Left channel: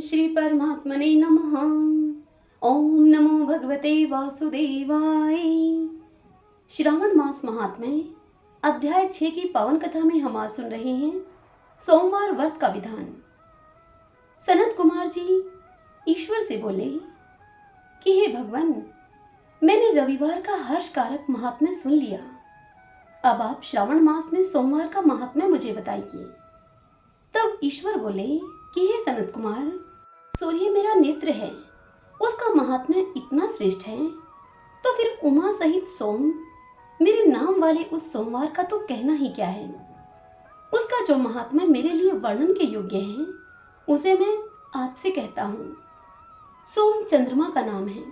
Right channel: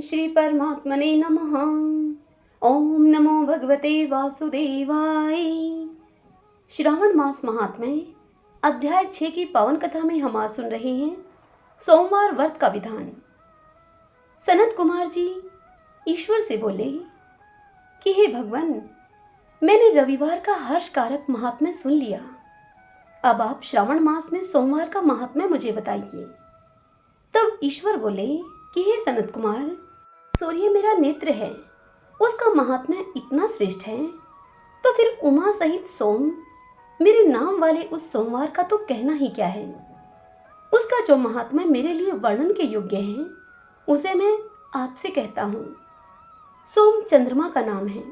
श्री परमात्मने नमः। ओम नमो भगवते वासुदेवाय। श्रावण मास महात्म्य अध्याय 6 की पावन कथा में हम आज सुन रहे हैं सोमवार व्रत का विधान। सनत कुमार जी ईश्वर से बोले कि हे भगवान, मैंने रविवार का हर्ष कारक महात्म्य सुन लिया। अब आप श्रावण मास में सोमवार का महात्म्य मुझे बताइए। तब ईश्वर बोले कि हे सनत कुमार, सूर्य मेरा नेत्र है, उसका महात्म्य इतना श्रेष्ठ है, तो फिर उमा सहित सोम मेरे नाम वाले उस सोमवार का तो कहना ही क्या है। उसका जो महात्म्य मेरे लिए वर्णन के योग्य है, उसे मैं आपसे कहता हूँ। सोम चंद्रमा का नाम है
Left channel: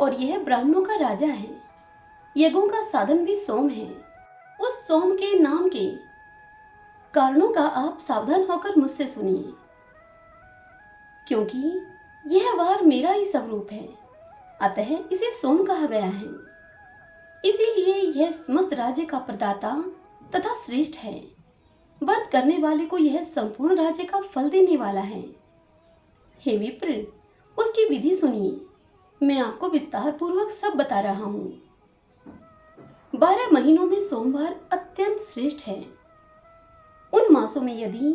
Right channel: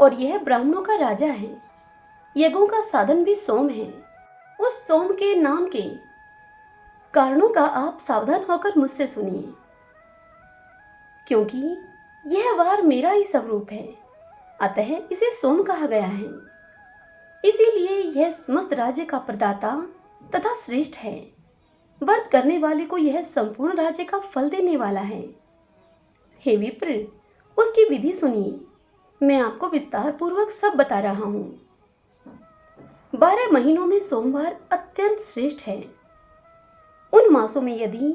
और यह ब्राह्मणों का राजा है। यज्ञों का साधन भी सोम है। उस सोम के नाम के कारणों का आप सावधान होकर मुझसे सुनिए, क्योंकि यह वार मेरा ही स्वरूप है, अतः इसे सोम कहा गया है। इसीलिए यह समस्त राज्य का प्रदाता तथा श्रेष्ठ है। व्रत करने वाले को यह संपूर्ण राज्य का फल देने वाला है। हे विप्र, उसकी विधि सुनिए। मैं आपको विस्तार पूर्वक सब बता रहा हूँ। 12 महीनों में सोमवार अत्यंत श्रेष्ठ है। उन मासों में यदि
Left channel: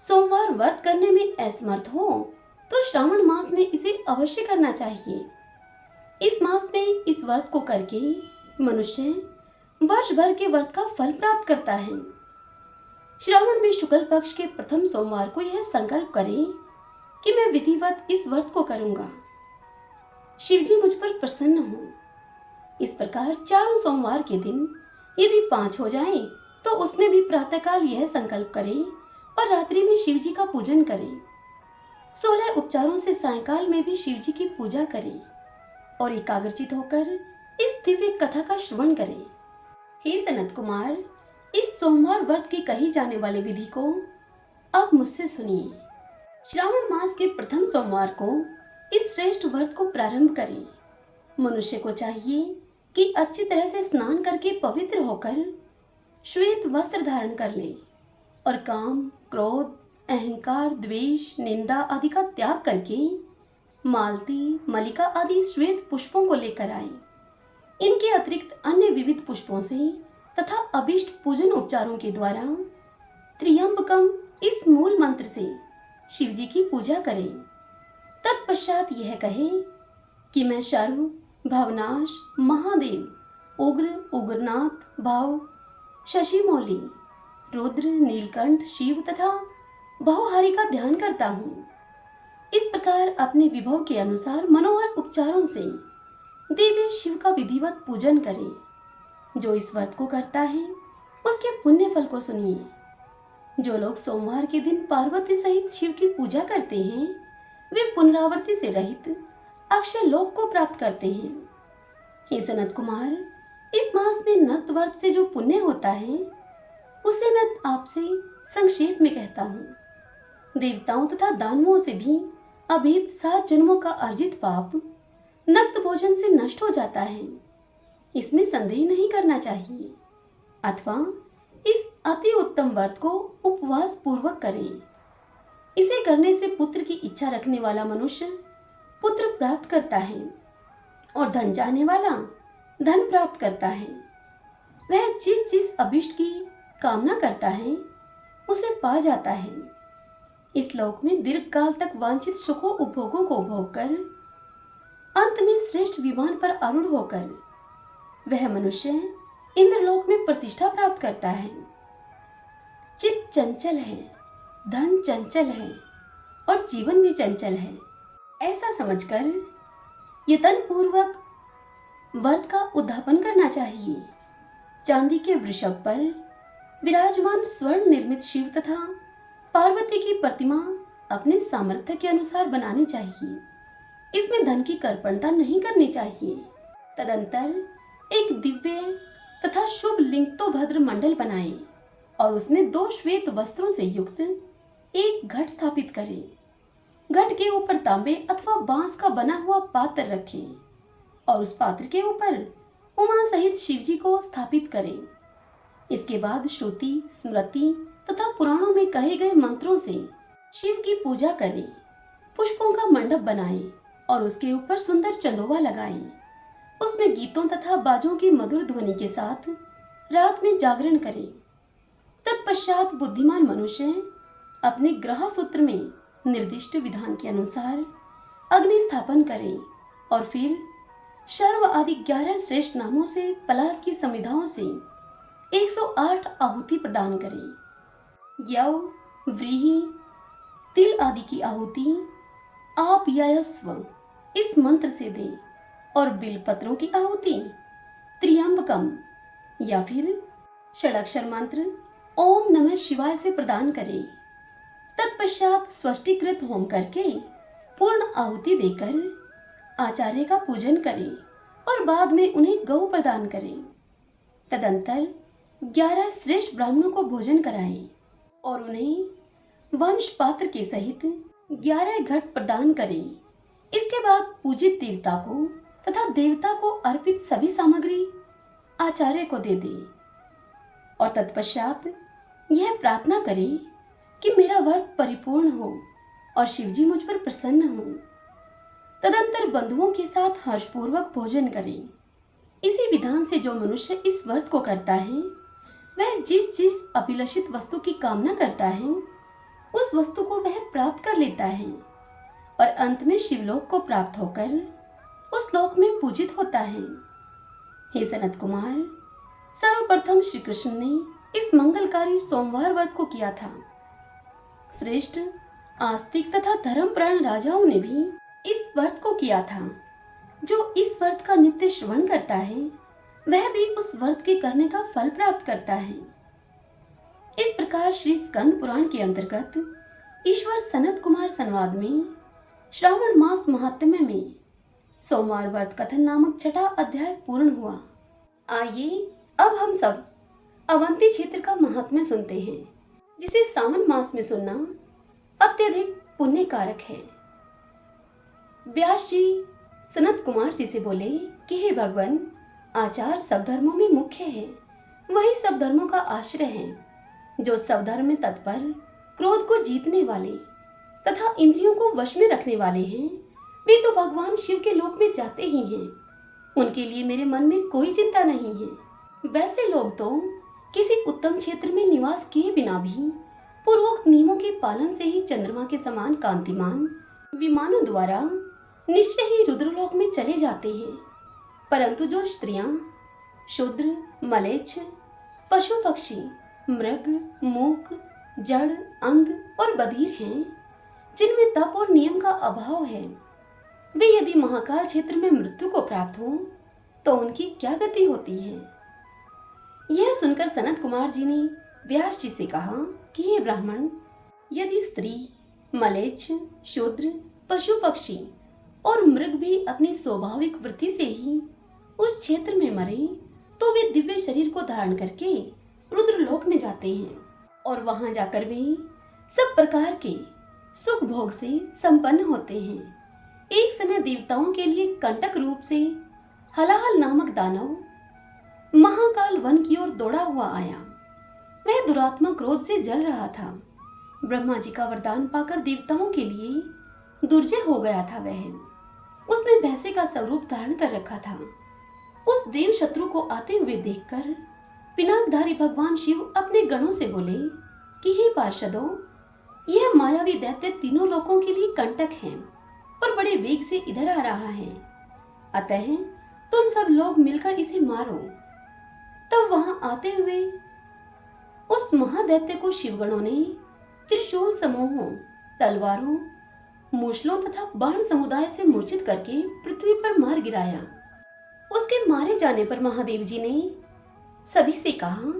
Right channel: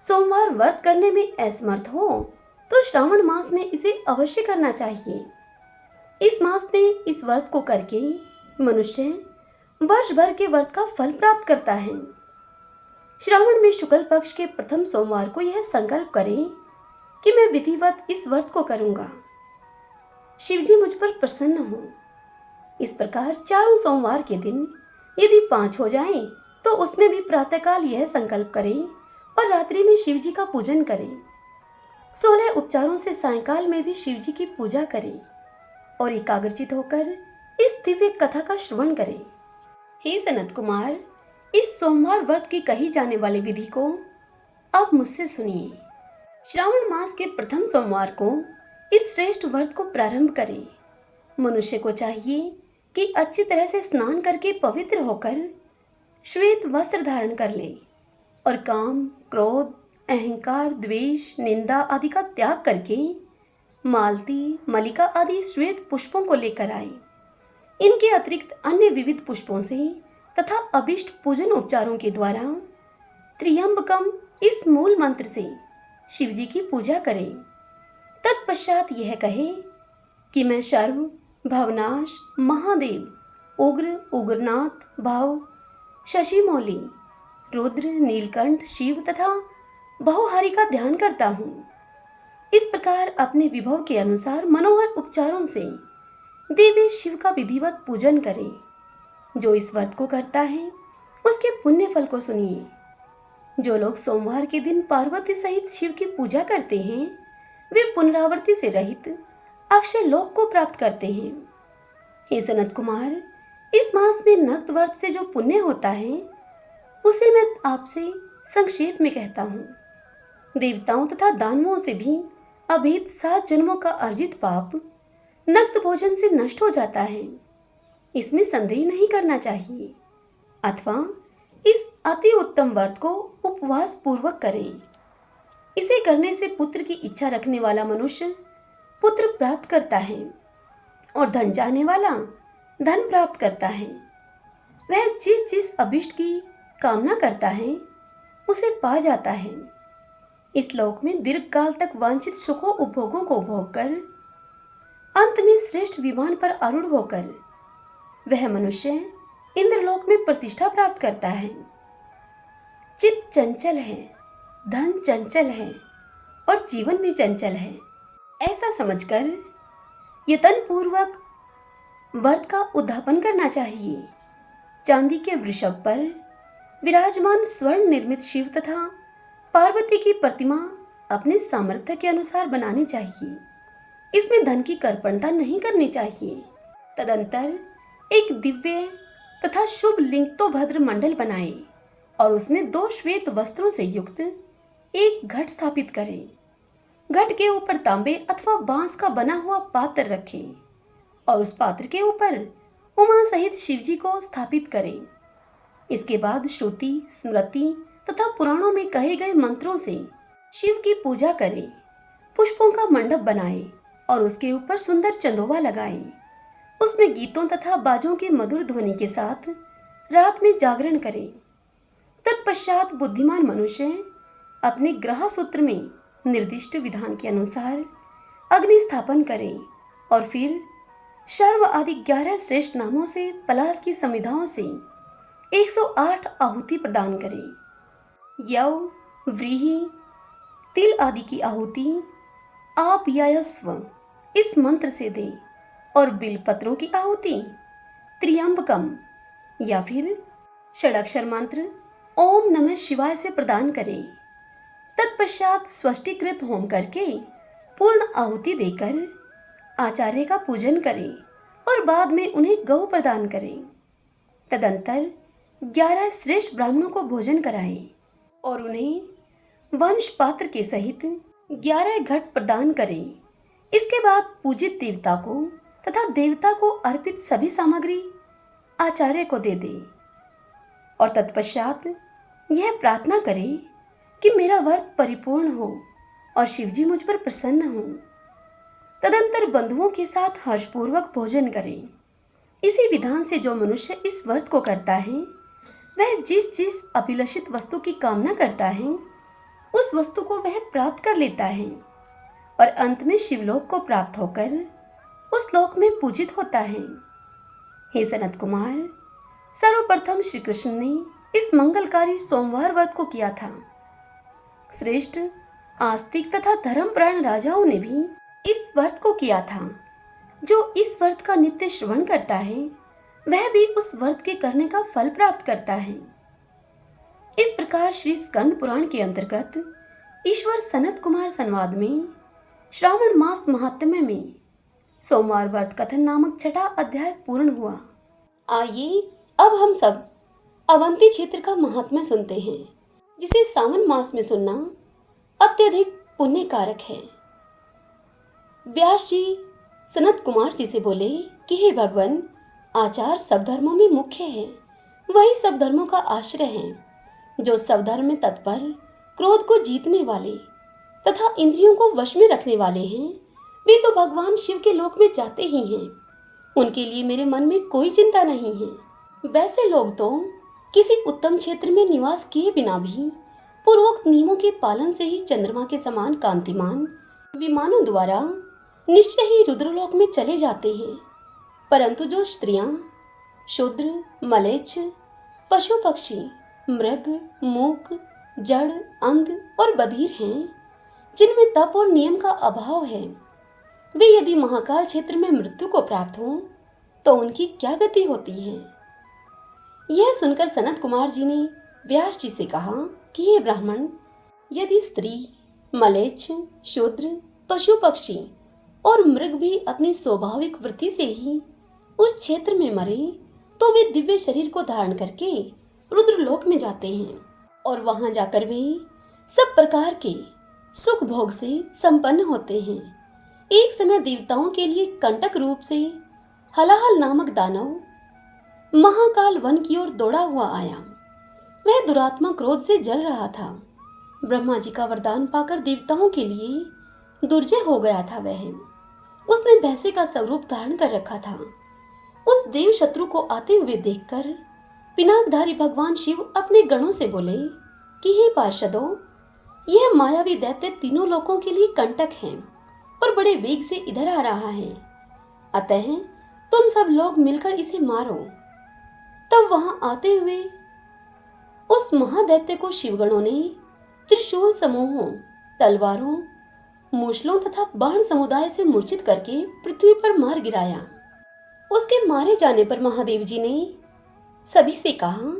सोमवार व्रत करने में असमर्थ हो तो श्रावण मास में इसे अवश्य करना चाहिए। इस मास में इस व्रत को करके मनुष्य वर्ष भर के व्रत का फल प्राप्त करता है। श्रावण में शुक्ल पक्ष के प्रथम सोमवार को यह संकल्प करें कि मैं विधिवत इस व्रत को करूंगा। शिवजी मुझ पर प्रसन्न हो। इस प्रकार चारों सोमवार के दिन यदि 5 हो जाएं, तो उसमें भी प्रातःकाल यह संकल्प करें और रात्रि में शिव जी का पूजन करें। 16 उपचारों से सायंकाल में भी शिव जी की पूजा करें और एकाग्रचित होकर इस दिव्य कथा का श्रवण करें। हे सनत कुमार, इस सोमवार व्रत की कही जाने वाली विधि को अब मुझसे सुनिए। श्रावण मास के प्रथम सोमवार को इस श्रेष्ठ व्रत को प्रारंभ करें। मनुष्य को चाहिए कि अच्छी तरह से स्नान करके पवित्र होकर श्वेत वस्त्र धारण कर ले और काम, क्रोध, अहंकार, द्वेष, निंदा आदि का त्याग करके मालती, मलिका आदि श्वेत पुष्पों को लेकर आए। इनके अतिरिक्त अन्य विविध पुष्पों से तथा अभिष्ट पूजन उपचारों के द्वारा त्र्यंबकम इस मूल मंत्र से शिवजी की पूजा करें। तत्पश्चात यह कहे कि मैं सर्व, भवनाश, महादेव, उग्र, उग्रनाथ, भाव, शशिमौली, रुद्र, नीलकंठ, शिव तथा बहुहारी का ध्यान करता हूँ। इस प्रकार अपने विभव के अनुसार मनोहर उपचारों से देवी शिव का विधिवत पूजन करें। जो इस व्रत को करता है उसके पुण्य फल को सुनिए। जो लोग सोमवार के दिन पार्वती सहित शिव की पूजा करते हैं, वे पुनरावृत्ति से रहित अक्षय लोक को प्राप्त करते हैं। हे सनत कुमार, इस मास में नक्त व्रत से जो पुण्य होता है, उसे मैं आपसे संक्षेप में कहता हूँ। देवताओं तथा दानवों से भी अभेद 7 जन्मों का अर्जित पाप नक्त भोजन से नष्ट हो जाता है। इसमें संदेह नहीं करना चाहिए। अथवा इस अति उत्तम व्रत को उपवास पूर्वक करें। इसे करने से पुत्र की इच्छा रखने वाला मनुष्य पुत्र प्राप्त करता है और धन चाहने वाला धन प्राप्त करता है। वह जिस अभिष्ट की कामना करता है उसे पा जाता है। इस लोक में दीर्घ काल तक वांछित सुखों उपभोगों को भोग कर अंत में श्रेष्ठ विमान पर आरूढ़ होकर वह मनुष्य इंद्रलोक में प्रतिष्ठा प्राप्त करता है। चित्त चंचल है, धन चंचल है और जीवन भी चंचल है, ऐसा समझकर यत्न पूर्वक व्रत का उद्यापन करना चाहिए। चांदी के वृषभ पर विराजमान स्वर्ण निर्मित शिव तथा पार्वती की प्रतिमा अपने सामर्थ्य के अनुसार बनानी चाहिए। इसमें धन की कर्पणता नहीं करनी चाहिए। तदंतर एक दिव्य तथा शुभ लिंग तो भद्र मंडल बनाए और उसमें 2 श्वेत वस्त्रों से युक्त एक घट स्थापित करें। घट के ऊपर तांबे अथवा बांस का बना हुआ पात्र रखें और उस पात्र के ऊपर उमा सहित शिवजी को स्थापित करें। इसके बाद श्रुति, स्मृति तथा पुराणों में कहे गए मंत्रों से शिव की पूजा करें पुष्पों का मंडप बनाए और उसके ऊपर सुंदर चंदोवा लगाए। उसमें गीतों तथा बाजों की मधुर ध्वनि के साथ रात में जागरण करे। तत्पश्चात बुद्धिमान मनुष्य अपने ग्रह सूत्र में निर्दिष्ट विधान के अनुसार अग्नि स्थापन करे और फिर शर्व आदि 11 श्रेष्ठ नामों से पलाश की संविधाओं से 108 आहुति प्रदान करे। यव, व्रीहि, तिल आदि की आहुति आप यस्व इस मंत्र से दे और बिलपत्रों की आहुति त्र्यंबकम या फिर षडाक्षर मंत्र ओम नमः शिवाय से प्रदान करे। तत्पश्चात स्वष्टिकृत होम करके पूर्ण आहुति देकर आचार्य का पूजन करें और बाद में उन्हें गौ प्रदान करें। तदंतर 11 श्रेष्ठ ब्राह्मणों को भोजन कराएं और उन्हें वंश पात्र के सहित 11 घट प्रदान करें। इसके बाद पूजित देवता को तथा देवता को अर्पित सभी सामग्री आचार्य को दे दे और तत्पश्चात यह प्रार्थना करे कि मेरा व्रत परिपूर्ण हो और शिवजी मुझ पर प्रसन्न हो। तदंतर बंधुओं के साथ हर्षपूर्वक भोजन करें। इसी विधान से जो मनुष्य इस व्रत को करता है वह जिस जिस अभिलषित वस्तु की कामना करता है उस वस्तु को वह प्राप्त कर लेता है और अंत में शिवलोक को प्राप्त होकर उस लोक में पूजित होता है। हे सनत कुमार, सर्वप्रथम श्री कृष्ण ने इस मंगलकारी सोमवार व्रत को किया था। श्रेष्ठ आस्तिक तथा धर्मप्राण राजाओं ने भी इस व्रत को किया था। जो इस व्रत का नित्य श्रवण करता है वह भी उस व्रत के करने का फल प्राप्त करता है। इस प्रकार श्री स्कंद पुराण के अंतर्गत ईश्वर सनत कुमार संवाद में श्रावण मास महात्म्य में सोमवार व्रत कथन नामक 6वां अध्याय पूर्ण हुआ। आइए अब हम सब अवंती क्षेत्र का महात्म्य सुनते हैं, जिसे सावन मास में सुनना अत्यधिक पुण्य कारक है। व्यास जी सनत कुमार जी से बोले कि हे भगवान, आचार सब धर्मों में मुख्य है, वही सब धर्मों का आश्रय है। जो सब धर्म में तत्पर, क्रोध को जीतने वाले तथा इंद्रियों को वश में रखने वाले हैं, वे तो भगवान शिव के लोक में जाते ही हैं। उनके लिए मेरे मन में कोई चिंता नहीं है। वैसे लोग तो किसी उत्तम क्षेत्र में निवास किए बिना भी पूर्वोक्त नियमों के पालन से ही चंद्रमा के समान कांतिमान विमानों द्वारा निश्चय ही रुद्रलोक में चले जाते हैं। परंतु जो स्त्रियां, शूद्र, मलेच्छ, पशु पक्षी, मृग, मूक, जड़, अंध और बधिर हैं, जिनमें तप और नियम का अभाव है, वे यदि महाकाल क्षेत्र में मृत्यु को प्राप्त हों तो उनकी क्या गति होती है। यह सुनकर सनत कुमार जी ने व्यास जी से कहा कि हे ब्राह्मण, यदि स्त्री, मलेच्छ, शूद्र, पशु पक्षी और मृग भी अपनी स्वाभाविक वृत्ति से ही उस क्षेत्र में मरे तो वे दिव्य शरीर को धारण करके रुद्रलोक में जाते हैं और वहां जाकर वे सब प्रकार के सुख भोग से संपन्न होते हैं। एक समय देवताओं के लिए कंटक रूप से हलाहल नामक दानव महाकाल वन की ओर दौड़ा हुआ आया। वह दुरात्मा क्रोध से जल रहा था। ब्रह्मा जी का वरदान पाकर देवताओं के लिए दुर्जय हो गया था। उसने भैंसे का स्वरूप धारण कर रखा था। उस देव शत्रु को आते हुए देखकर पिनाकधारी भगवान शिव अपने गणों से बोले कि हे पार्षदों, यह मायावी दैत्य तीनों लोकों के लिए कंटक है और बड़े वेग से इधर आ रहा है। अतः तुम सब लोग मिलकर इसे मारो। तब वहां आते हुए उस महादैत्य को शिवगणों ने त्रिशूल समूहों, तलवारों, मूसलों तथा बाण समुदाय से मूर्छित करके पृथ्वी पर मार गिराया। उसके मारे जाने पर महादेव जी ने सभी से कहा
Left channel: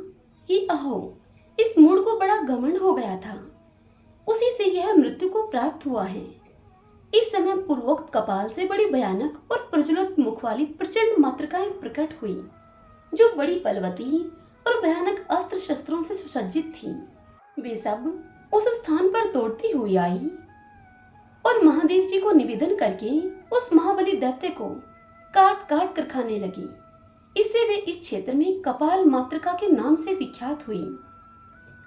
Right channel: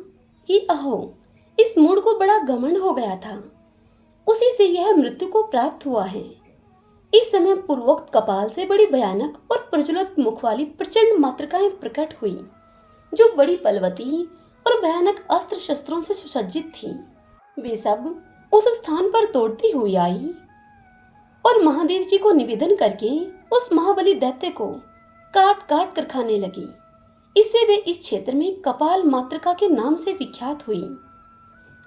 कि अहो, इस मूढ़ को बड़ा घमंड हो गया था, उसी से यह मृत्यु को प्राप्त हुआ है। इस समय पूर्वोक्त कपाल से बड़ी भयानक और प्रज्वलित मुख वाली प्रचंड मातृकाएं प्रकट हुई, जो बड़ी बलवती और भयानक अस्त्र शस्त्रों से सुसज्जित थीं। वे सब उस स्थान पर दौड़ती हुई आई और महादेव जी को निवेदन करके उस महाबली दैत्य को काट काट कर खाने लगी। इससे वे इस क्षेत्र में कपाल मातृका के नाम से विख्यात हुई।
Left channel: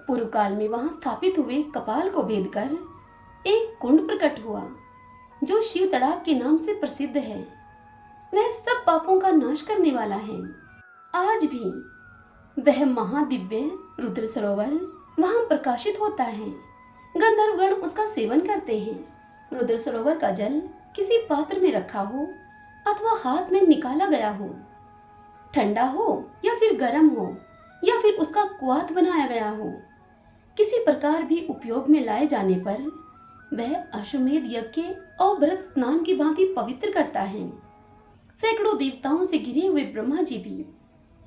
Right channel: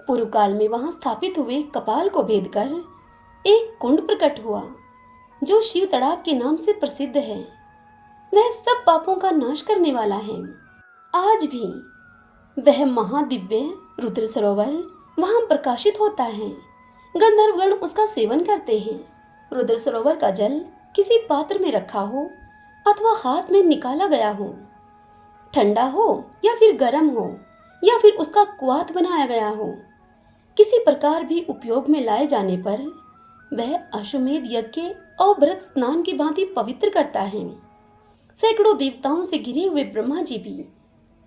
पूर्व काल में वहां स्थापित हुए कपाल को भेद कर एक कुंड प्रकट हुआ जो शिव तड़ाक के नाम से प्रसिद्ध है, वह सब पापों का नाश करने वाला है। आज भी वह महादिव्य रुद्र सरोवर वहां प्रकाशित होता है। गंधर्वगण उसका सेवन करते हैं। रुद्र सरोवर का जल किसी पात्र में रखा हो अथवा हाथ में निकाला गया हो, ठंडा हो या फिर गर्म हो या फिर उसका क्वाथ बनाया गया हो, किसी प्रकार भी उपयोग में लाए जाने पर वह अश्वमेध यज्ञ और व्रत स्नान की भांति पवित्र करता है। सैकड़ों देवताओं से घिरे हुए ब्रह्मा जी भी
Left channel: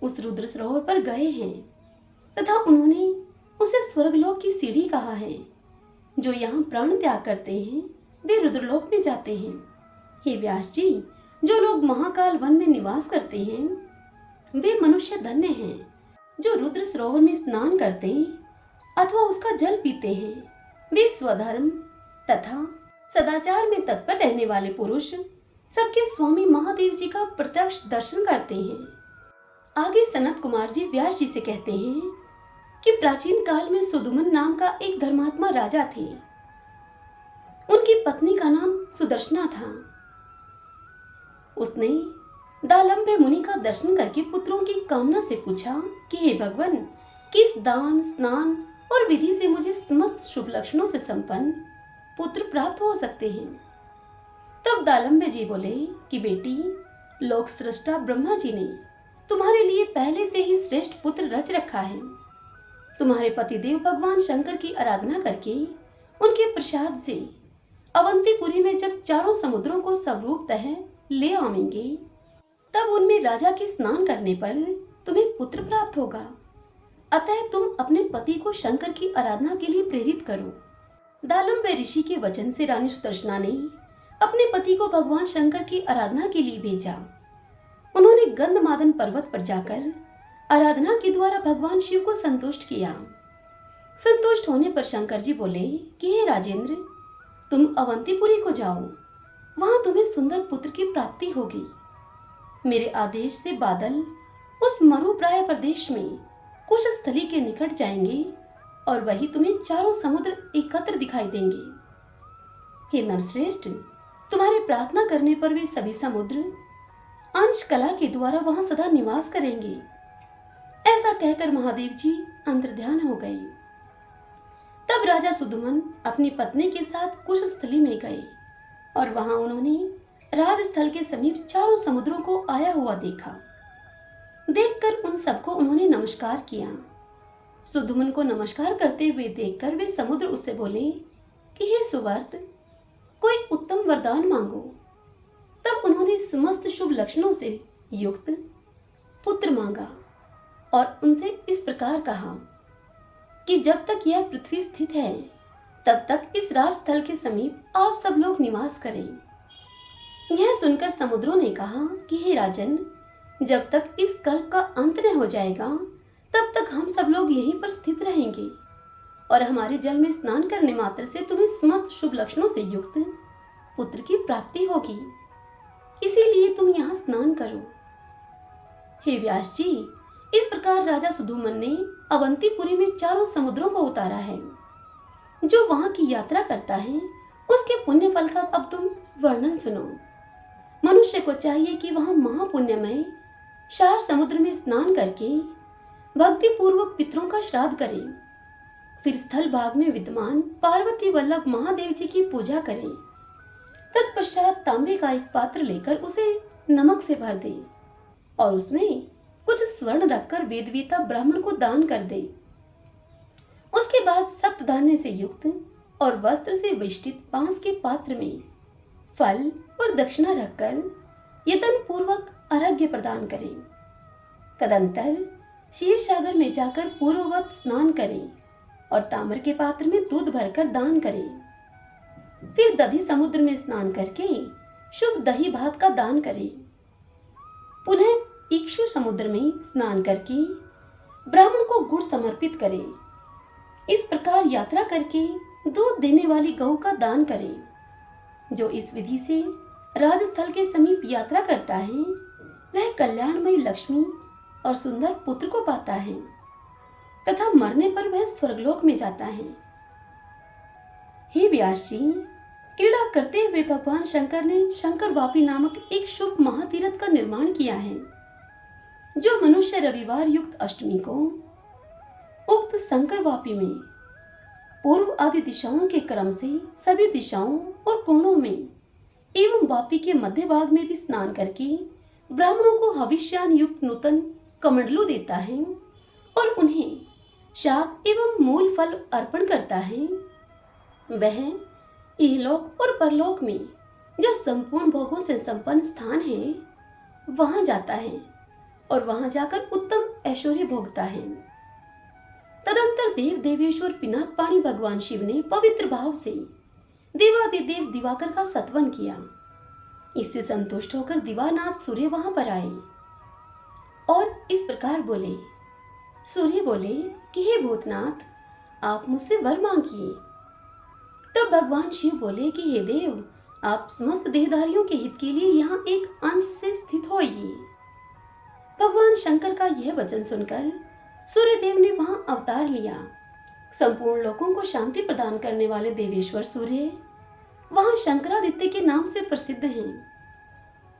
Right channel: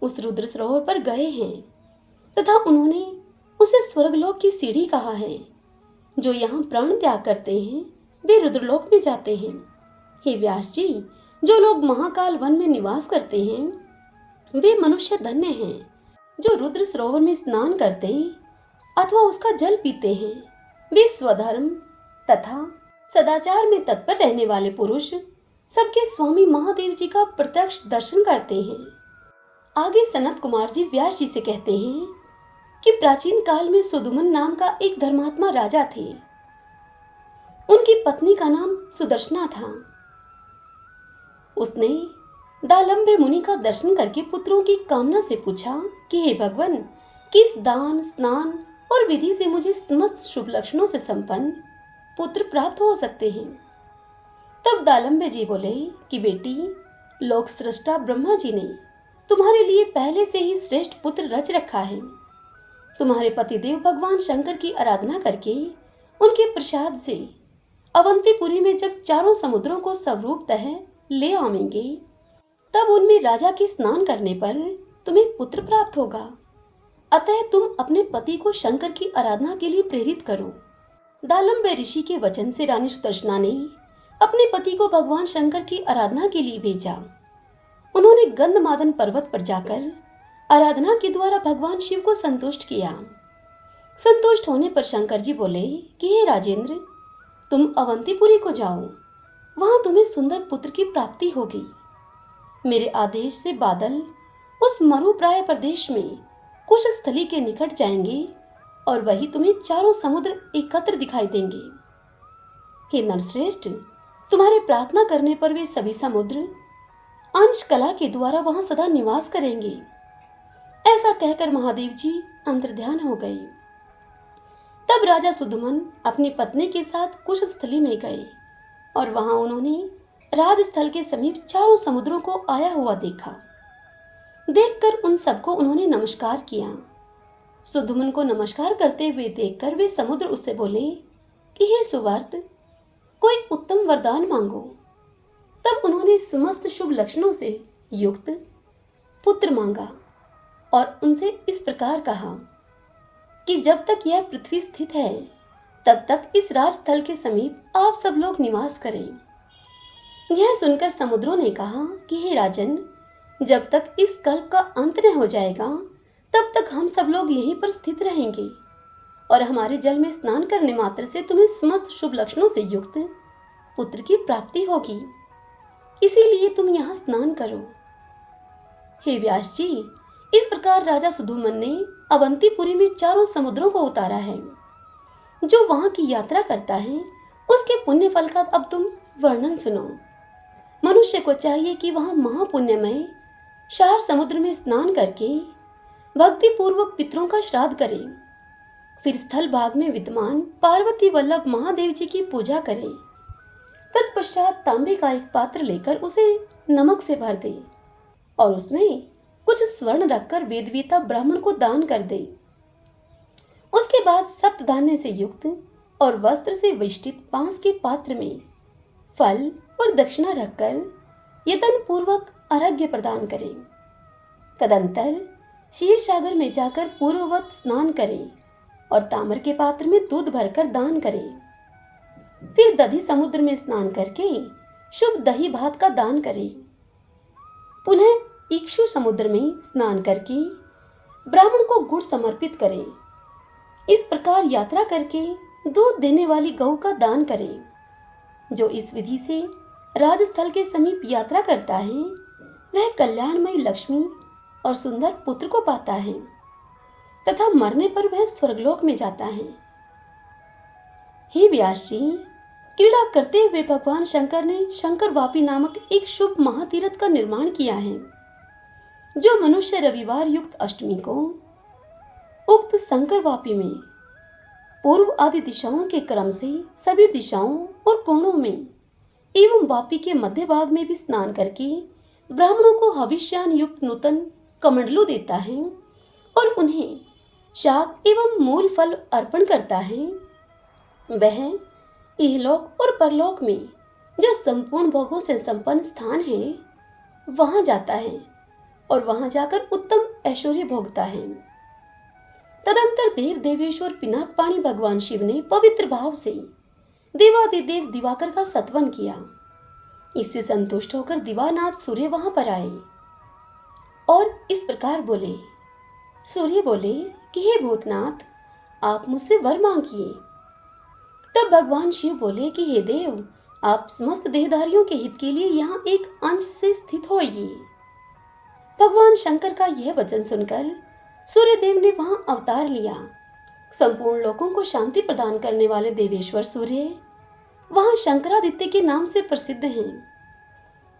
उस रुद्र सरोवर पर गए हैं तथा उन्होंने उसे स्वर्गलोक की सीढ़ी कहा है। जो यहाँ प्राण त्याग करते हैं वे रुद्रलोक में जाते हैं। हे व्यास जी, जो लोग महाकाल वन में निवास करते हैं वे मनुष्य धन्य हैं। जो रुद्र सरोवर में स्नान करते अथवा उसका जल पीते हैं वे स्वधर्म तथा सदाचार में तत्पर रहने वाले पुरुष सबके स्वामी महादेव जी का प्रत्यक्ष दर्शन करते हैं। आगे सनत कुमार जी व्यास जी से कहते हैं कि प्राचीन काल में सुदुमन नाम का एक धर्मात्मा राजा थे। उनकी पत्नी का नाम सुदर्शना था। उसने दालंबे मुनि का दर्शन करके पुत्रों की कामना से पूछा कि हे भगवान, किस दान स्नान और विधि से मुझे समस्त शुभ लक्षणों से संपन्न पुत्र प्राप्त हो सकते हैं। तब दालंबे जी बोले कि बेटी, लोक सृष्टा ब्रह्मा जी ने तुम्हारे लिए पहले से ही श्रेष्ठ पुत्र रच रखा है। तुम्हारे पतिदेव भगवान शंकर की आराधना करके उनके प्रसाद से अवंतीपुरी में जब चारों समुद्रों को स्वरूपतः ले आवेंगे तब उनमें राजा के स्नान करने पर तुम्हें पुत्र प्राप्त होगा। अतः तुम अपने पति को शंकर की आराधना के लिए प्रेरित करो। दालंबे ऋषि के वचन से रानी सुदर्शना ने अपने पति को भगवान शंकर की आराधना के लिए भेजा। उन्होंने गंधमादन पर्वत पर जाकर आराधना के द्वारा भगवान शिव को संतुष्ट किया। संतुष्ट होने पर शंकर जी बोले कि हे राजेंद्र, तुम अवंतीपुरी को जाओ, वहां तुम्हें सुंदर पुत्र की प्राप्ति होगी। मेरे आदेश से बादल उस मरुप्राय प्रदेश में कुश स्थली के निकट जाएंगे और वही तुम्हें चारों समुद्र एकत्र दिखाई देंगे। हे नरश्रेष्ठ, तुम्हारे प्रार्थना करने पर वे सभी समुद्र अंश कला के द्वारा वहां सदा निवास करेंगे। ऐसा कहकर महादेव जी अंतर्ध्यान हो गए। तब राजा सुदुमन अपनी पत्नी के साथ कुश स्थली में गए और वहां उन्होंने राजस्थल के समीप चारों समुद्रों को आया हुआ देखा। देखकर उन सबको उन्होंने नमस्कार किया। सुदुमन को नमस्कार करते हुए देखकर वे समुद्र उससे बोले कि हे सुवर्त, कोई उत्तम वरदान मांगो। तब उन्होंने समस्त शुभ लक्षणों से युक्त पुत्र मांगा और उनसे इस प्रकार कहा कि जब तक यह पृथ्वी स्थित है तब तक इस राजस्थल के समीप आप सब लोग निवास करें। यह सुनकर समुद्रों ने कहा कि हे राजन, जब तक इस कल्प का अंत न हो जाएगा तब तक हम सब लोग यहीं पर स्थित रहेंगे और हमारे जल में स्नान करने मात्र से तुम्हें समस्त शुभ लक्षणों से युक्त पुत्र की प्राप्ति होगी। इसीलिए तुम यहाँ स्नान करो। हे व्यास जी, इस प्रकार राजा सुदुमन ने अवंतीपुरी में चारों समुद्रों को उतारा है। जो वहां की यात्रा करता है उसके पुण्य फल का अब तुम वर्णन सुनो। मनुष्य को चाहिए कि वहां महापुण्यमय शार समुद्र में स्नान करके भक्ति पूर्वक पितरों का श्राद्ध करे। फिर स्थल भाग में विद्यमान पार्वती वल्लभ महादेव जी की पूजा करें। तत्पश्चात तांबे का एक पात्र लेकर उसे नमक से भर दे और उसमें कुछ स्वर्ण रखकर वेदवेता ब्राह्मण को दान कर दे। उसके बाद सप्त धान्य से युक्त और वस्त्र से वेष्टित बांस के पात्र में फल और दक्षिणा रखकर यतन पूर्वक अर्घ्य प्रदान करें। तदंतर क्षीर सागर में जाकर पूर्ववत स्नान करें और ताम्र के पात्र में दूध भरकर दान करें। फिर दधी समुद्र में स्नान करके शुभ दही भात का दान करें। पुनः इक्षु समुद्र में स्नान करके ब्राह्मण को गुड़ समर्पित करें। इस प्रकार यात्रा करके दूध देने वाली गौ का दान करें। जो इस विधि से राजस्थल के समीप यात्रा करता है वह कल्याणमयी लक्ष्मी और सुंदर पुत्र को पाता है तथा मरने पर वह स्वर्गलोक में जाता है। हे व्यास जी, क्रीड़ा करते हुए भगवान शंकर ने शंकर वापी नामक एक शुभ महातीर्थ का निर्माण किया है, जो मनुष्य रविवार युक्त अष्टमी को उक्त शंकर वापी में पूर्व आदि दिशाओं के क्रम से सभी दिशाओं और कोणों में एवं वापी के मध्य भाग में भी स्नान करके ब्राह्मणों को हविष्यान युक्त नूतन कमंडलू देता है और उन्हें शाक एवं मूल फल अर्पण करता है, वह इहलोक और परलोक में जो संपूर्ण भोगों से संपन्न स्थान है वहां जाता है और वहां जाकर उत्तम ऐश्वर्य भोगता है। तदंतर देव देवेश्वर पिनाक पाणी भगवान शिव ने पवित्र भाव से देवादिदेव दिवाकर का सत्वन किया। इससे संतुष्ट होकर दिवानाथ सूर्य वहां पर आए और इस प्रकार बोले। सूर्य बोले कि हे भूतनाथ, आप मुझसे वर मांगिए। तब भगवान शिव बोले कि हे देव, आप समस्त देहधारियों के हित के लिए यहाँ एक अंश से स्थित होइए। भगवान शंकर का यह वचन सुनकर सूर्यदेव ने वहां अवतार लिया। संपूर्ण लोगों को शांति प्रदान करने वाले देवेश्वर सूर्य वहां शंकरादित्य के नाम से प्रसिद्ध हैं।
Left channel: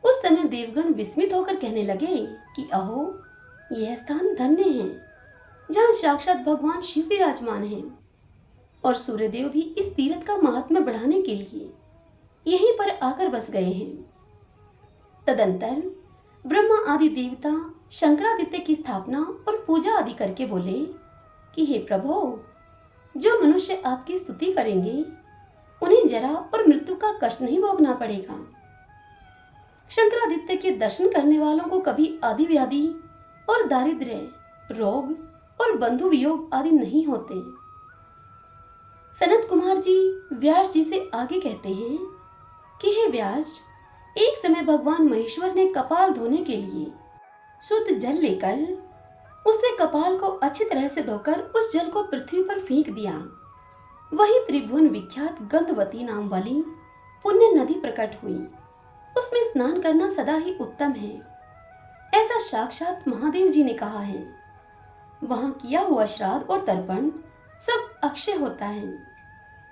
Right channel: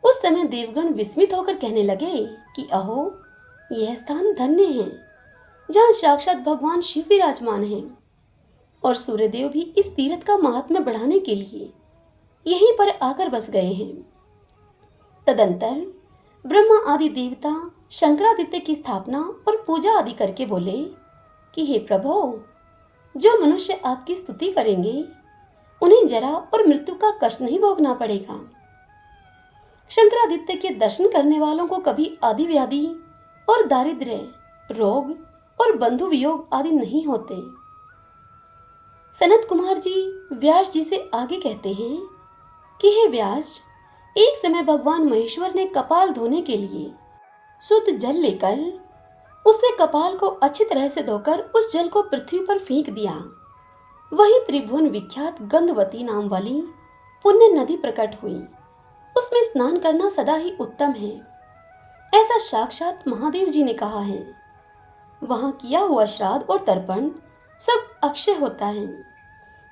उस समय देवगण विस्मित होकर कहने लगे कि अहो, यह स्थान धन्य है जहाँ साक्षात भगवान शिव विराजमान हैं, और सूर्यदेव भी इस तीर्थ का महात्म्य बढ़ाने के लिए यहीं पर आकर बस गए हैं। तदंतर ब्रह्मा आदि देवता शंकरादित्य की स्थापना और पूजा आदि करके बोले कि हे प्रभु, जो मनुष्य आपकी स्तुति करेंगे उन्हें जरा और मृत्यु का कष्ट नहीं भोगना पड़ेगा। शंकरादित्य के दर्शन करने वालों को कभी आदि व्याधि और दारिद्र्य, रोग और बंधु वियोग आदि नहीं होते। सनत कुमार जी व्यास जी से आगे कहते हैं कि हे व्यास, एक समय भगवान महेश्वर ने कपाल धोने के लिए शुद्ध जल लेकर उससे कपाल को अच्छी तरह से धोकर उस जल को पृथ्वी पर फेंक दिया। वही त्रिभुवन विख्यात गंधवती नाम वाली पुण्य नदी प्रकट हुई। उसमें स्नान करना सदा ही उत्तम है, ऐसा साक्षात महादेव जी ने कहा है। वहां किया हुआ श्राद्ध और तर्पण सब अक्षय होता है।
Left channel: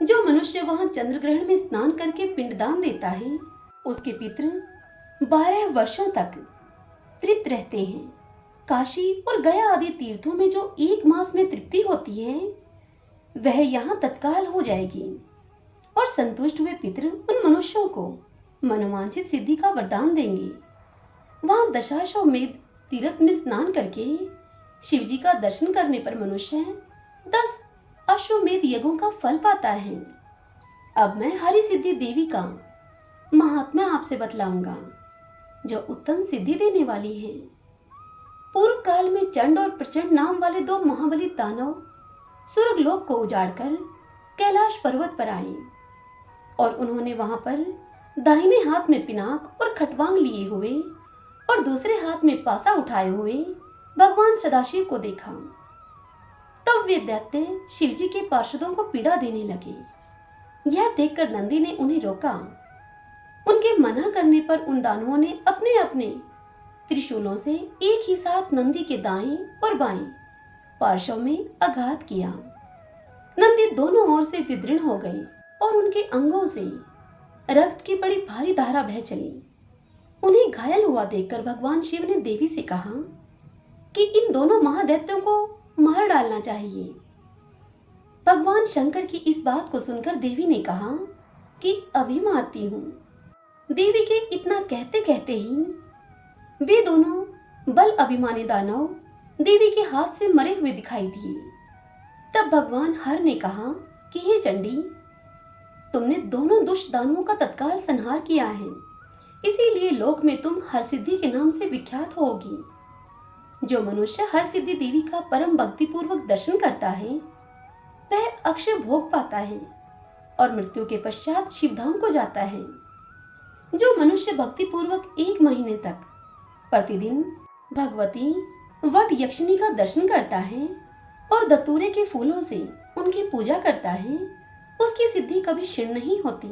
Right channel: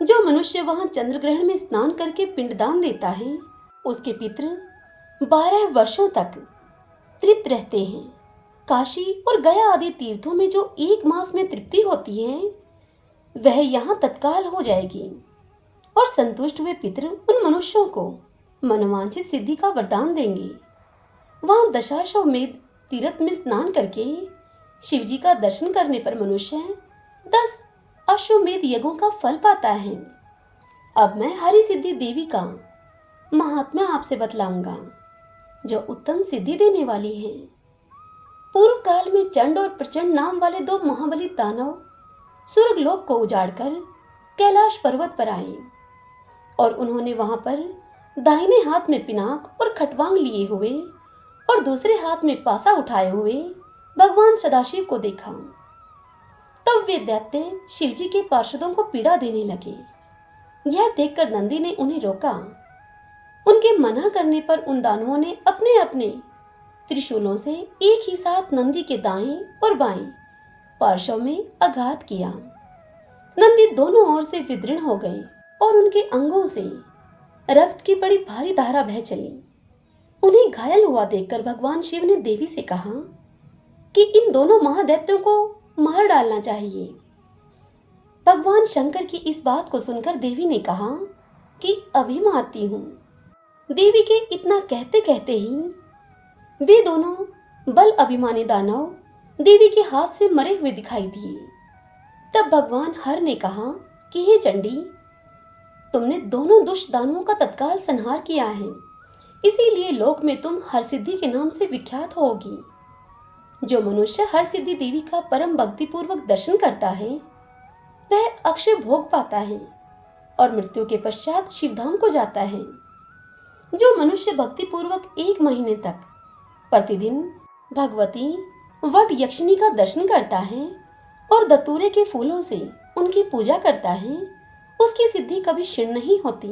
जो मनुष्य वहां चंद्र ग्रहण में स्नान करके पिंडदान देता है, उसके पितृ 12 वर्षों तक तृप्त रहते हैं। काशी और गया आदि तीर्थों में जो 1 मास में तृप्ति होती है, वह यहाँ तत्काल हो जाएगी, और संतुष्ट हुए पितृ उन मनुष्यों को मनोवांछित सिद्धि का वरदान देंगे। वहां दशाश्वमेध तीर्थ में स्नान करके शिव जी का दर्शन करने पर मनुष्य 10 अश्वमेध यज्ञों का फल पाता है। अब मैं हरि सिद्धि देवी का महात्म्य आपसे बतलाऊंगा, जो उत्तम सिद्धि देने वाली है। पूर्व काल में चंड और प्रचंड नाम वाले 2 महाबली दानव स्वर्गलोक को उजाड़कर कैलाश पर्वत पर आए, और उन्होंने वहां पर दाहिने हाथ में पिनाक और खटवांग लिए हुए और दूसरे हाथ में पासा उठाए हुए भगवान सदाशिव को देखा। तब वे दैत्य शिवजी के पार्षदों को पीड़ा देने लगे। यह देखकर नंदी ने उन्हें रोका। उनके मना करने पर उन दानवों ने अपने अपने त्रिशूलों से एक ही साथ नंदी के दाएं और बाएं पार्श्व में आघात किया। नंदी दोनों ओर से विदीर्ण हो गए और उनके अंगों से रक्त की बड़ी भारी धारा बह चली। उन्हें घायल हुआ देखकर भगवान शिव ने देवी से कहा कि इन दोनों महादैत्यों को मार डालना चाहिए। भगवान शंकर की इस बात को सुनकर देवी ने कहा कि अभी मारती हूँ। देवी के इतना कहते कहते ही वे दोनों बल अभिमानी दानव देवी के हाथ से मरे हुए दिखाई दिए। तब भगवान हर ने कहा कि हे चंडी, तुमने दोनों दुष्ट दानवों का तत्काल संहार किया है, इसीलिए लोक में तुम हर सिद्धि के नाम से विख्यात होगी। जो मनुष्य हर सिद्धि देवी का परम भक्ति पूर्वक दर्शन करता है, वह अक्षय भोग पाता है और मृत्यु के पश्चात शिवधाम को जाता है। जो मनुष्य भक्ति पूर्वक 1 महीने तक प्रतिदिन भगवती वट यक्षिणी का दर्शन करता है और दतूरे के फूलों से उनकी पूजा करता है, उसकी सिद्धि कभी क्षीण नहीं होती।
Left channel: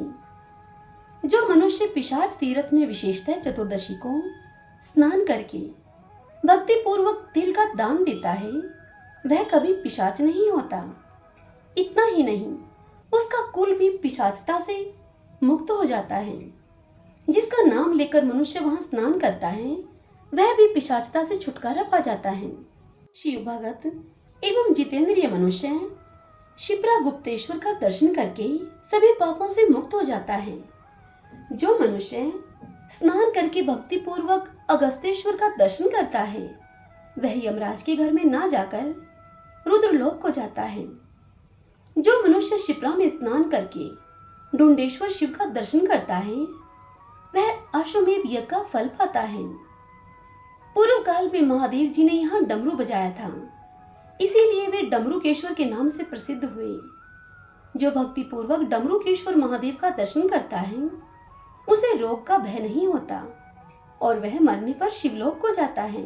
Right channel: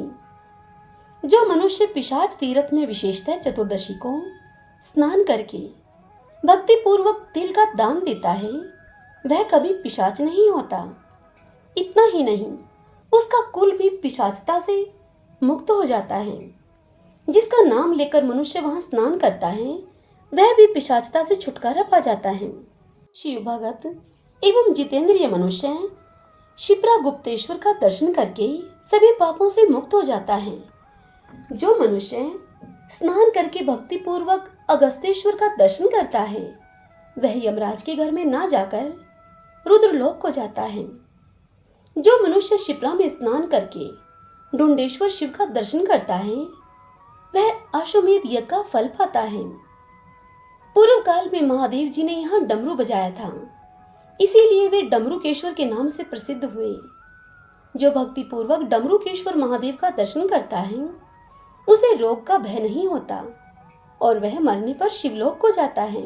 जो मनुष्य पिशाच तीर्थ में विशेषतः चतुर्दशी को स्नान करके भक्ति पूर्वक तिल का दान देता है, वह कभी पिशाच नहीं होता। इतना ही नहीं, उसका कुल भी पिशाचता से मुक्त हो जाता है। जिसका नाम लेकर मनुष्य वहां स्नान करता है वह भी पिशाचता से छुटकारा पा जाता है। शिव भगत एवं जितेंद्रिय मनुष्य क्षिप्रा गुप्तेश्वर का दर्शन करके सभी पापों से मुक्त हो जाता है। जो मनुष्य स्नान करके भक्ति पूर्वक अगस्तेश्वर का दर्शन करता है वह यमराज के घर में ना जाकर रुद्रलोक को जाता है। जो मनुष्य क्षिप्रा में स्नान करके डुंडेश्वर शिव का दर्शन करता है वह अश्वमेध यज्ञ का फल पाता है। पूर्व काल में महादेव जी ने यहाँ डमरू बजाया था, इसीलिए वे डमरूकेश्वर के नाम से प्रसिद्ध हुए। जो भक्ति पूर्वक डमरूकेश्वर महादेव का दर्शन करता है उसे रोग का भय नहीं होता और वह मरने पर शिवलोक को जाता है।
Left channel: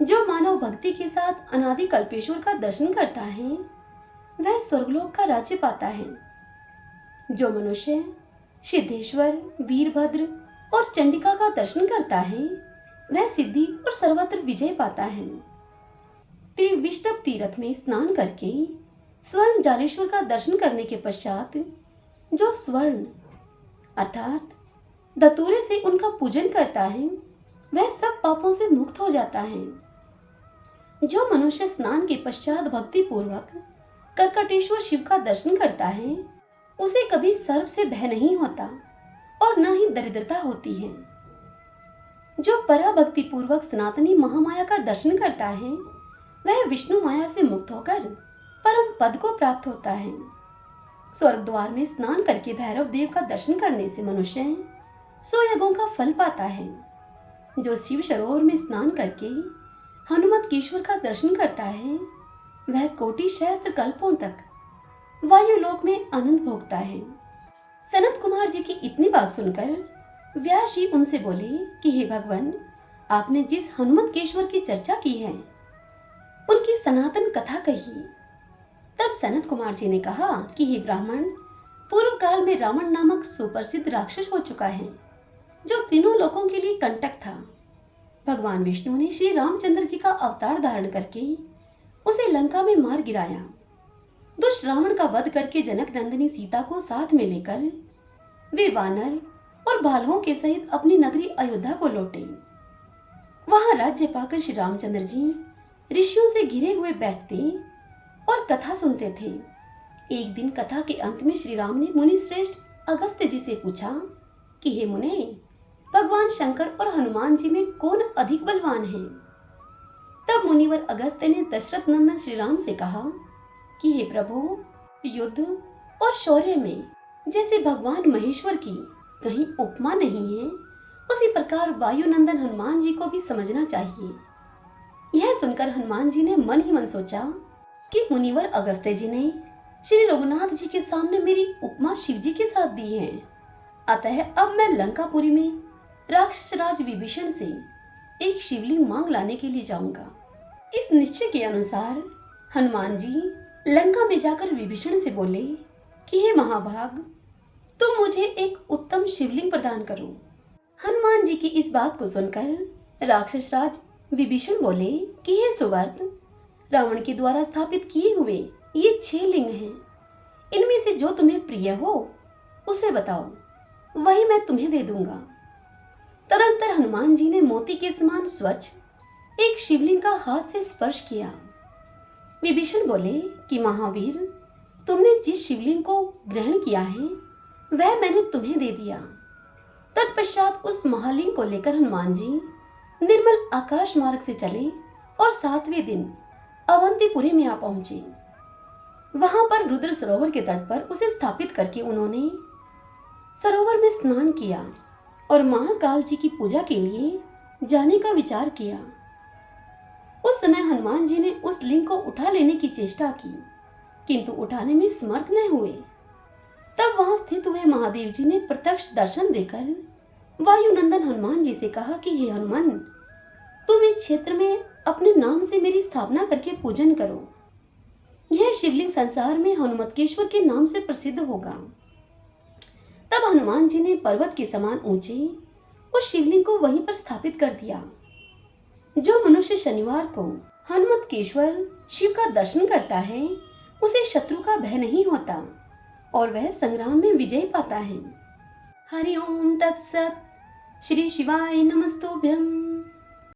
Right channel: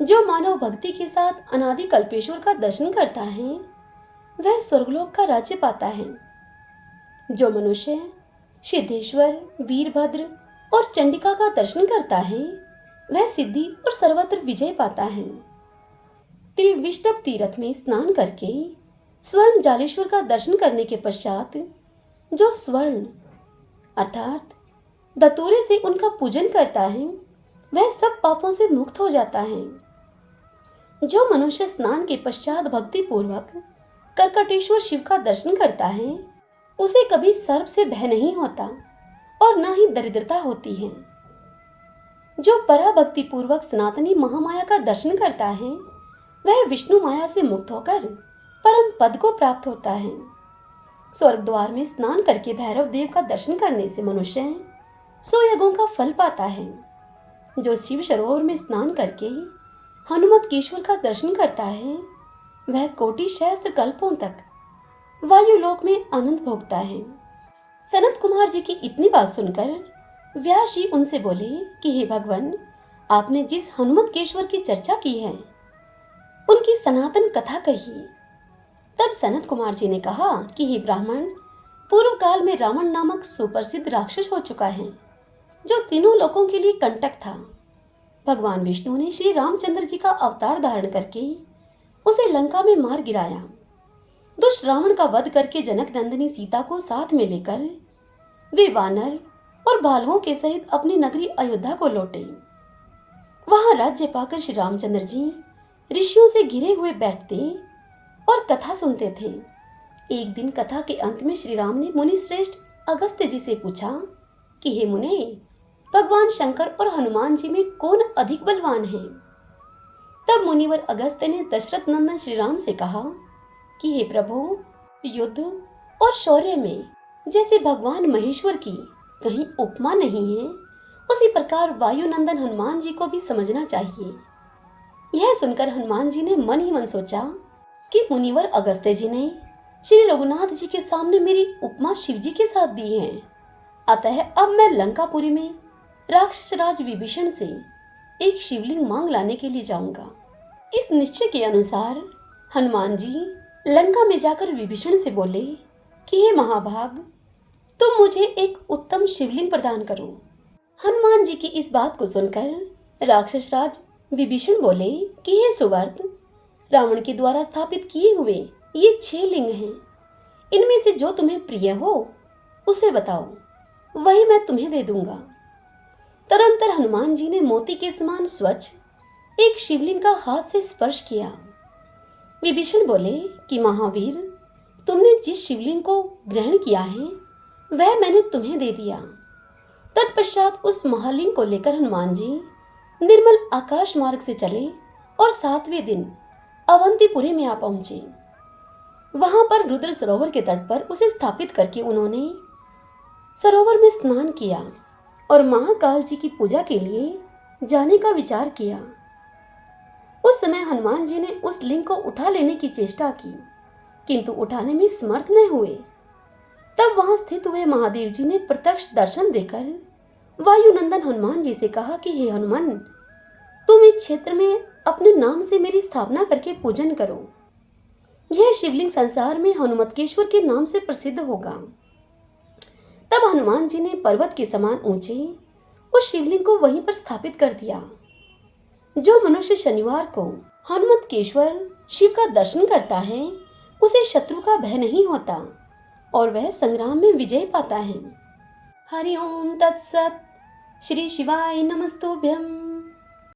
जो मानव भक्ति के साथ अनादि कल्पेश्वर का दर्शन करता है वह स्वर्गलोक का राज्य पाता है। जो मनुष्य सिद्धेश्वर, वीरभद्र और चंडिका का दर्शन करता है वह सिद्धि और सर्वत्र विजय पाता है। त्रिविष्टभ तीर्थ में स्नान करके स्वर्ण जालेश्वर का दर्शन करने के पश्चात जो स्वर्ण अर्थात धतूरे से उनका पूजन करता है वह सब पापों से मुक्त हो जाता है। जो मनुष्य स्नान के पश्चात भक्ति पूर्वक कर्कटेश्वर शिव का दर्शन करता है उसे कभी सर्प से भय नहीं होता और न ही दरिद्रता होती है। जो पराभक्ति पूर्वक सनातनी महामाया का दर्शन करता है वह विष्णु माया से मुक्त होकर परम पद को प्राप्त होता है। स्वर्ग द्वार में स्नान करके भैरव देव का दर्शन करने से मनुष्य 100 यज्ञों का फल पाता है। जो शिव सरोवर में स्नान करके हनुमत केश्वर का दर्शन करता है वह कोटि सहस्त्र कल्पों तक वायुलोक में आनंद भोगता है। सनत कुमार जी की इतनी बात सुनकर व्यास जी उनसे बोले कि हे भगवान, आपने जिस हनुमत केश्वर की चर्चा की है उनकी सनातन कथा कही। तब सनत कुमार जी ने कहा कि हे ब्राह्मण, पूर्व काल में रावण नामक सुप्रसिद्ध राक्षस हो चुका है जो तीनों लोकों के लिए कंटक था। भगवान विष्णु ने श्री रामचंद्र जी का अवतार धारण करके उसे लंका में मार गिराया। दुष्ट रावण का वध करके जनक नंदिनी सीता को साथ में लेकर वे वानर और भालुओं के सहित अपनी नगरी अयोध्या को लौटे। वहां राज्य पाकर श्री रामचंद्र जी ऋषियों से घिरे हुए बैठते और कथा सुनते थे। एक दिन कथा के अंत में श्री राम ने मुनि श्रेष्ठ अगस्त्य जी से पूछा कि हे मुने, भगवान शंकर और हनुमान जी में कौन अधिक बलवान है? तब मुनिवर अगस्त्य ने दशरथ नंदन श्री राम से कहा कि हे प्रभु, युद्ध और शौर्य में जैसे भगवान महेश्वर की कहीं उपमा नहीं है, उसी प्रकार वायुनंदन हनुमान जी को भी समझना चाहिए। यह सुनकर हनुमान जी ने मन ही मन सोचा कि मुनिवर अगस्त्य जी ने श्री रघुनाथ जी के सामने मेरी उपमा शिव जी के साथ दी है, अतः अब मैं लंकापुरी में राक्षस राज विभीषण से एक शिवलिंग मांग लाने के लिए जाऊंगा। इस निश्चय के अनुसार हनुमान जी लंका में जाकर विभीषण से बोले कि हे महाभाग, तुम मुझे एक उत्तम शिवलिंग प्रदान करो। हनुमान जी की इस बात को सुनकर राक्षस राज विभीषण बोले कि हे सुवर्त, रावण के द्वारा स्थापित किए हुए ये 6 लिंग हैं। इनमें से जो तुम्हें प्रिय हो उसे बताओ, वही मैं तुम्हें दे दूंगा। तदंतर हनुमान जी ने मोती के समान स्वच्छ एक शिवलिंग का हाथ से स्पर्श किया। विभीषण बोले कि महावीर, तुमने जिस शिवलिंग को ग्रहण किया है वह मैंने तुम्हें दे दिया। तत्पश्चात उस महालिंग को लेकर हनुमान जी निर्मल आकाश मार्ग से चले और 7वें दिन अवंतीपुरी में आ पहुंचे। वहां पर रुद्र सरोवर के तट पर उसे स्थापित करके उन्होंने सरोवर में स्नान किया और महाकाल जी की पूजा के लिए जाने का विचार किया। उस समय हनुमान जी ने उस लिंग को उठा लेने की चेष्टा की, किंतु उठाने में समर्थ न हुए। तब वहां स्थित हुए महादेव जी ने प्रत्यक्ष दर्शन देकर वायुनंदन हनुमान जी से कहा कि हे हनुमान, तुम इस क्षेत्र में अपने नाम से मेरी स्थापना करके पूजन करो। यह शिवलिंग संसार में हनुमतकेश्वर के नाम से प्रसिद्ध होगा। तब हनुमान जी ने पर्वत के समान ऊंचे उस शिवलिंग को वहीं पर स्थापित कर दिया। जो मनुष्य शनिवार को हनुमतकेश्वर शिव का दर्शन करता है उसे शत्रु का भय नहीं होता और वह संग्राम में विजय पाता है। हरि ओम तत्सत। श्री शिवाय नमस्तुभ्यम।